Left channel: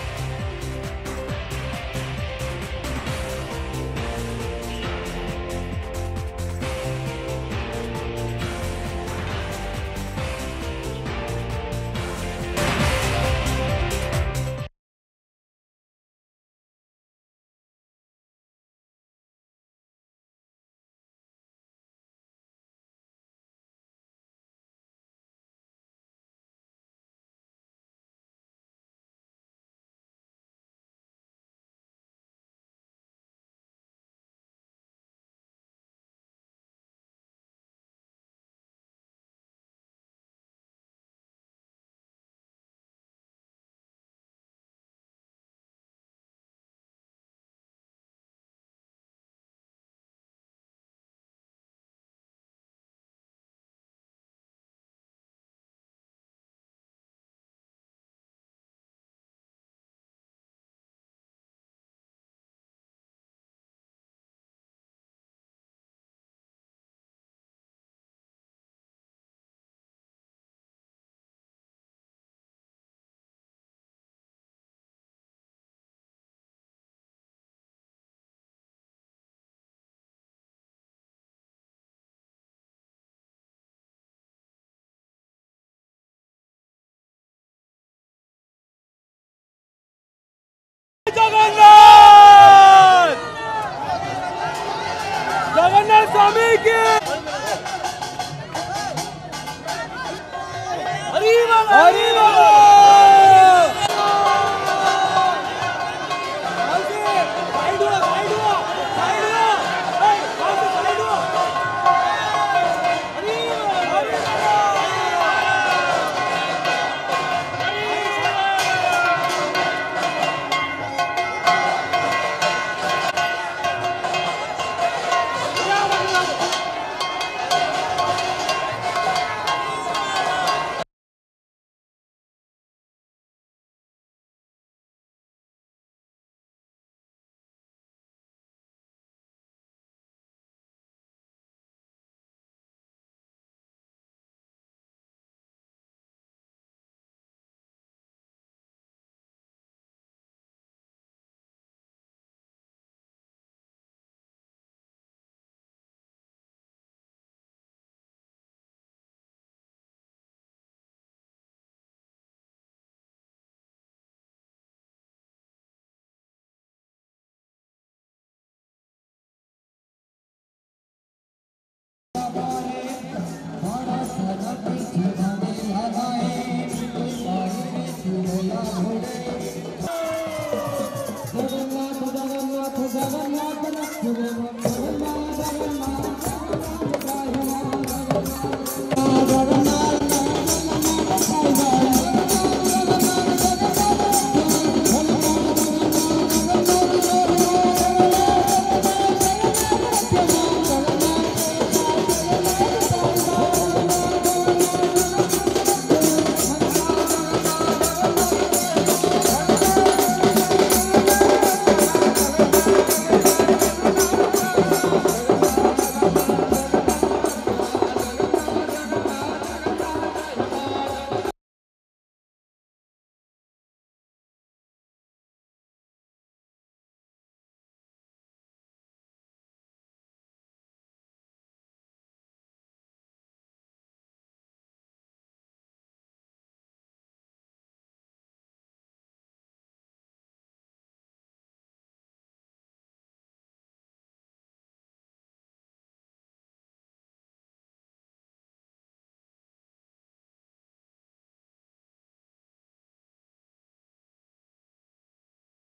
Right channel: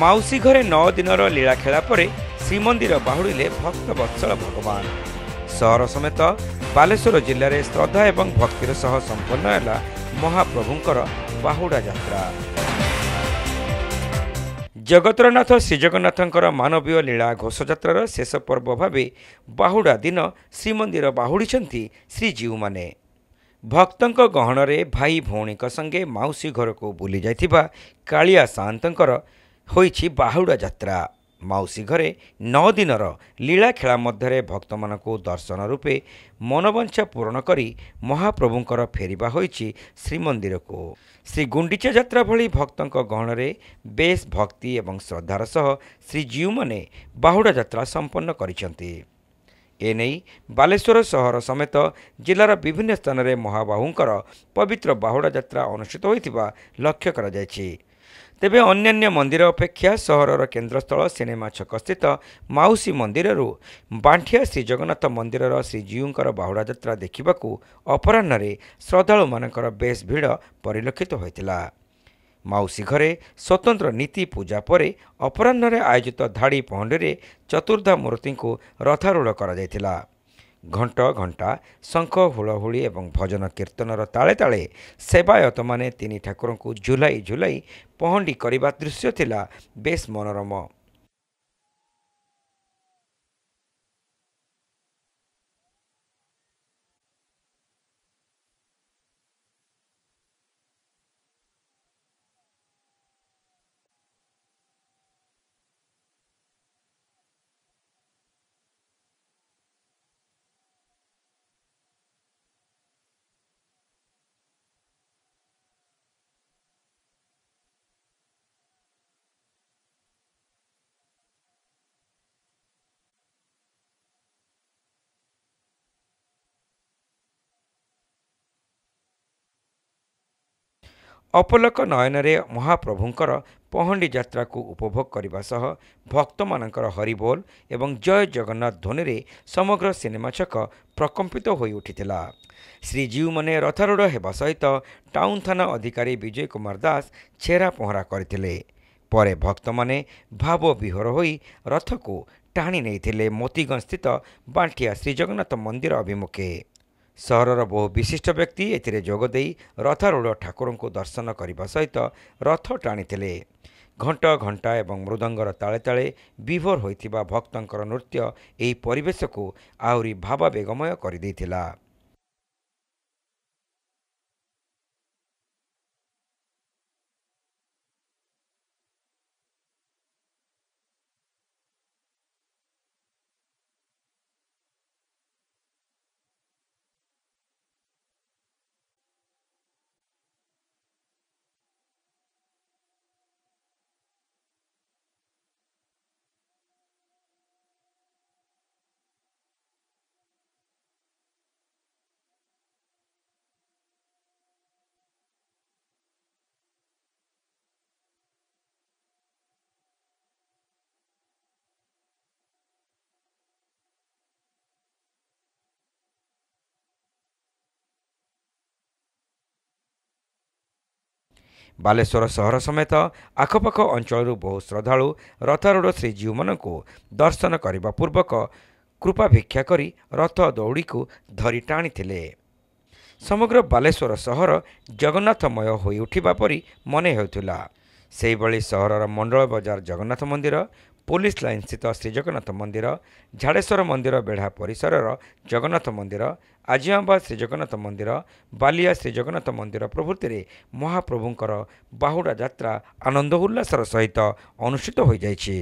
माउसी घरे 9 दिनर लीला खेला पर श्रीमंदिर बाहुड़िले भक्त वत्सल भगवान। सहर समेत बालेश्वर जिले में श्रद्धा एवं भक्तिर सह संपन्न है महाप्रभुंकर बाहुड़ा यात्रा। जगतरनाथ श्रीजगन्नाथंकर मानवीय लीला घोषयात्रार शेष पर्व भाव बाहुड़ा दिन श्रीमंदिर बाहुड़ी श्रीजीव माने। भक्तों गहणरे भाई भौणी संगे माउसी घर को बुली जाइथिबा कालिया सान्तंकर होइछि बाहुड़ा यात्रा। माउसी घरे 9 दिनर लीला खेला मध्य भक्त मानकु दर्शन रूपे मनोवांछा पूर्ण करी महाप्रभुंकर फेरिबा होइछि श्रीमंदिर को। श्री गुंडीचा यात्रा भली भक्तों गहणरे बेस भक्ति एवं श्रद्धार सह श्रीजीव माने बाहुड़ा यात्रा संपन्न करिसंती। एने बालेश्वर सहर समेत जिलार विभिन्न स्थान में महाबाहुंकर पवित्र बाहुड़ा यात्रा अनुष्ठित होइतिबा लक्ष्य करा जायछि। तेबे अन्यान्य मंदिर अपेक्षा सहरर केन्द्रस्थल सिनेमा छक स्थित माउसी मंदिररू बांठिया श्री जगन्नाथ मंदिरर श्रीजीउंकर बाहुड़ा यात्रा देखिबाकू अपराह्न श्रद्धालु मानकर बेस भिड़ परिलक्षित होइतिला। माउसी घरे स्वतंत्र नीति पूजा पर अपराह्न आयोजित धाड़ी पहंडी चतुर्धा मूर्ति को रथारूढ़ करा। घंट घंटा शंख हुलहुली एवं भजन कीर्तनर ताले ताले सेवायत माने तीन ठाकुर को झुलाई झुलाई पहंडी करने दृश्य थिला बेस मनोरम। जगन्नाथ स्वामी की अपलक नयन महाप्रभुंकर पहंडी यात्रा को उपभोग करने सह भक्त मानकर हरिबोल एवं जय जगन्नाथ ध्वनि रे समग्र सिनेमा छक प्रकंपित होई उठिथिला। श्रीजीव माने रथारूढ़ हेबा सहित टाउन थाना अधिकारी विजय कुमार दास छेरा पहरा करथिले। परे भक्त माने भाव विहर होई रथ को टाणी नेइथिले मोतीगंज स्थित बांठिया श्रीजगन्नाथ मंदिर अभिमुखे। सहरर बहु विशिष्ट व्यक्ति एथिरे जोगदे रथारूढ़ ठाकुर को दर्शन करने सहित रथ टाणीथिले। घंट घंटा एवं मृदंगर ताले ताले विभोर होइथिबा भक्तंकर नृत्य एही परिवेश को आहुरी भावावेगमय करदेइथिला। बालेश्वर सहर समेत आखपाख अंचल बहु श्रद्धालु रथारूढ़ श्रीजीव मान को दर्शन करने पूर्वक कृपा भिक्षा करी रथ दौड़ी को धरी टाणी। समग्र बालेश्वर सहर जगन्नाथमय होई उठिबा परी मने हेउथिला। सेही भली सहरर मंडल बजार जगन्नाथ मंदिर, पुलिस लाइन स्थित श्रीजगन्नाथ मंदिर, झाड़ेश्वर मंदिर बेढ़ा परिसरर जगन्नाथ मंदिर, आजिआंबा श्रीजगन्नाथ मंदिर, बालिया श्रीजगन्नाथ मंदिर प्रभृति महाप्रभुंकर बाहुड़ा यात्रा आनंद उल्लासर सहित अनुष्ठित हो जाइछि।